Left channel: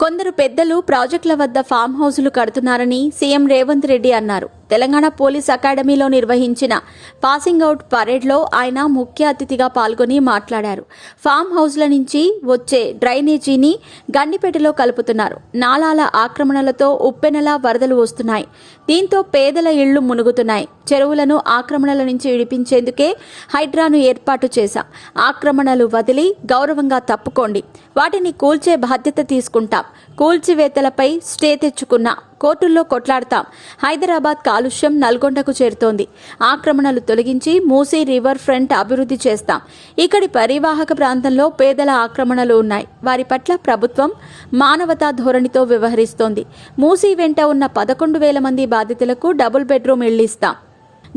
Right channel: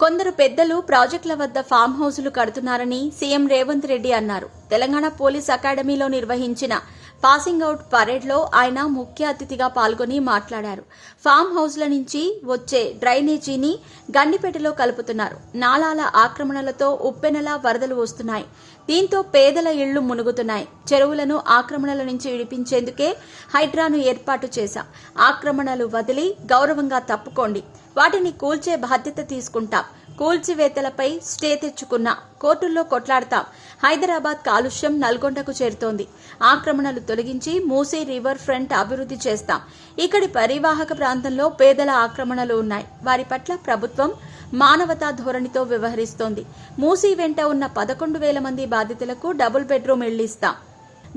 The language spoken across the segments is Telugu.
కొందరు పెద్దలు ప్రాజెక్టుల వద్ద ఫామ్ హౌసులు కడుతున్నారని సీఎం రేవంత్ రెడ్డి అన్నారు. తెలంగాణ పోలీస్ అకాడమీలో నిర్వహించిన పాసింగ్ అవుట్ పరేడ్లో ఆయన ముఖ్య అతిథిగా పాల్గొని మాట్లాడారు. ఫామ్ హౌస్ల నుంచి వచ్చే డ్రైనేజీని గండిపేటలో కలుపుతున్నారు. నాలాల ఆక్రమణలతో ఉప్పెనలా వరదలు వస్తున్నాయి. దీంతో పేదల ఇళ్లు మునుగుతున్నాయి. చెరువులను ఆక్రమణల నుంచి విడిపించేందుకే హైడ్రాను ఏర్పాటు చేశాం. ఆక్రమణలు వదిలి గౌరవంగా తప్పుకోండి. వాటిని కూల్చే బాధ్యత తీసుకుంటాం. కూల్చివేతలపై స్టే తెచ్చుకున్నా కోర్టుల్లో కొట్లాడతాం. హైదరాబాద్ కాలుష్యం నల్గొండకు చేరుతోంది. ఆక్రమణలు తొలగించి మూసీ రివర్ ఫ్రంట్ అభివృద్ధి చేస్తాం. ఇక్కడి పరివాహక ప్రాంతంలో పేదల ఆక్రమణలు ఉన్నాయి. వారి పట్ల ప్రభుత్వం మానవతా ధోరణితో వ్యవహరిస్తోంది. మూసీ వెంట ఉన్న 11,000 మంది బాధితులకు డబుల్ బెడ్రూమ్ ఇళ్లిస్తాం.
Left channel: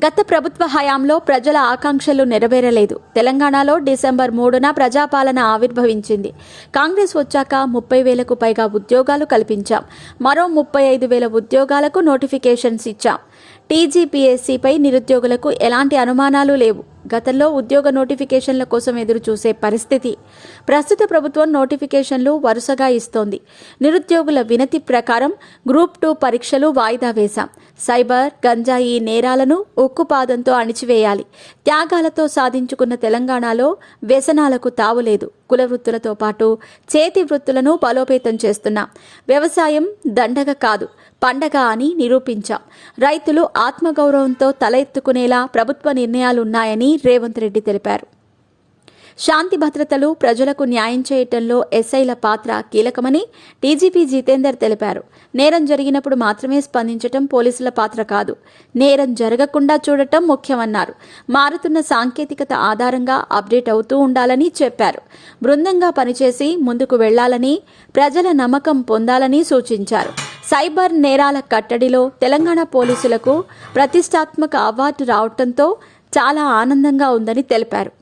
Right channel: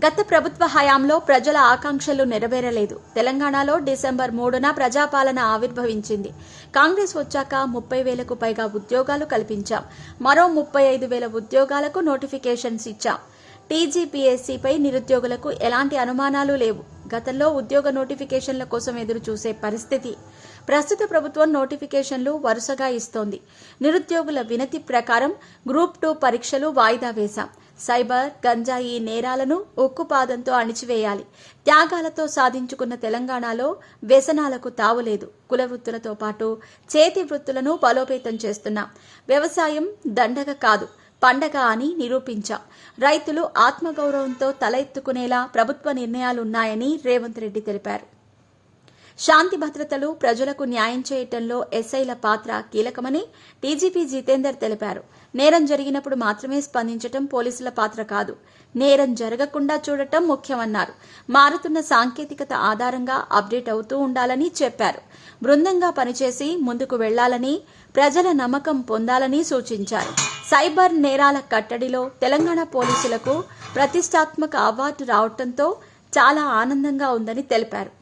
గత ప్రభుత్వ హయాంలో ప్రజల ఆకాంక్షలు నెరవేరలేదు. తెలంగాణలో డిసెంబర్ 3న ప్రజాపాలన ఆవిర్భవించింది. కాంగ్రెస్ వచ్చాక 30,000కు పైగా ఉద్యోగాలు కల్పించాం. మరో 35,000 ఉద్యోగాలకు నోటిఫికేషన్స్ ఇచ్చాం. టీజీపీఎస్సీపై నిరుద్యోగులకు ఎలాంటి అనుమానాలు లేవు. గతంలో ఉద్యోగ నోటిఫికేషన్ల కోసం ఎదురు చూసే పరిస్థితి. ప్రస్తుత ప్రభుత్వం నోటిఫికేషన్లు వరుసగా ఇస్తోంది. నిరుద్యోగుల వినతి ప్రకారం గ్రూప్ 2 పరీక్షలు వాయిదా వేశాం. సైబర్, గంజాయి నేరాలను ఉక్కుపాదంతో అణిచివేయాలి. త్యాగాలతో సాధించుకున్న తెలంగాణలో వ్యసనాలకు తావులేదు. కుల వృత్తులతో పాటు చేతి వృత్తులను బలోపేతం చేస్తున్నాం. వ్యవసాయం దండగ కాదు, పండగ అని నిరూపించాం. రైతులు ఆత్మగౌరవంతో తల ఎత్తుకునేలా ప్రభుత్వ నిర్ణయాలున్నాయని రేవంత్ రెడ్డి తెలిపారు. శాంతి భద్రతలు, ప్రజలకు న్యాయం చేయటంలో ఎస్ఐల పాత్ర కీలకమని డీజీపీ జితేందర్ తెలిపారు. నేరం జరిగినప్పుడు మాత్రమే స్పందించటం పోలీసుల పాత్ర కాదు, నేరం జరగకుండా చూడటం ముఖ్యమన్నారు. మారుతున్న సాంకేతికత ఆధారంగా అప్డేట్ అవుతూ ఉండాలని చెప్పారు. బృందంగా పనిచేసి ముందుకు వెళ్లాలని, ప్రజల నమ్మకం పొందాలని సూచించారు. సైబర్ నేరాల కట్టడిలో తెలంగాణ పోలీసులకు ప్రతిష్టాత్మక అవార్డు రావడంతో చాలా ఆనందంగా ఉందని తెలిపారు.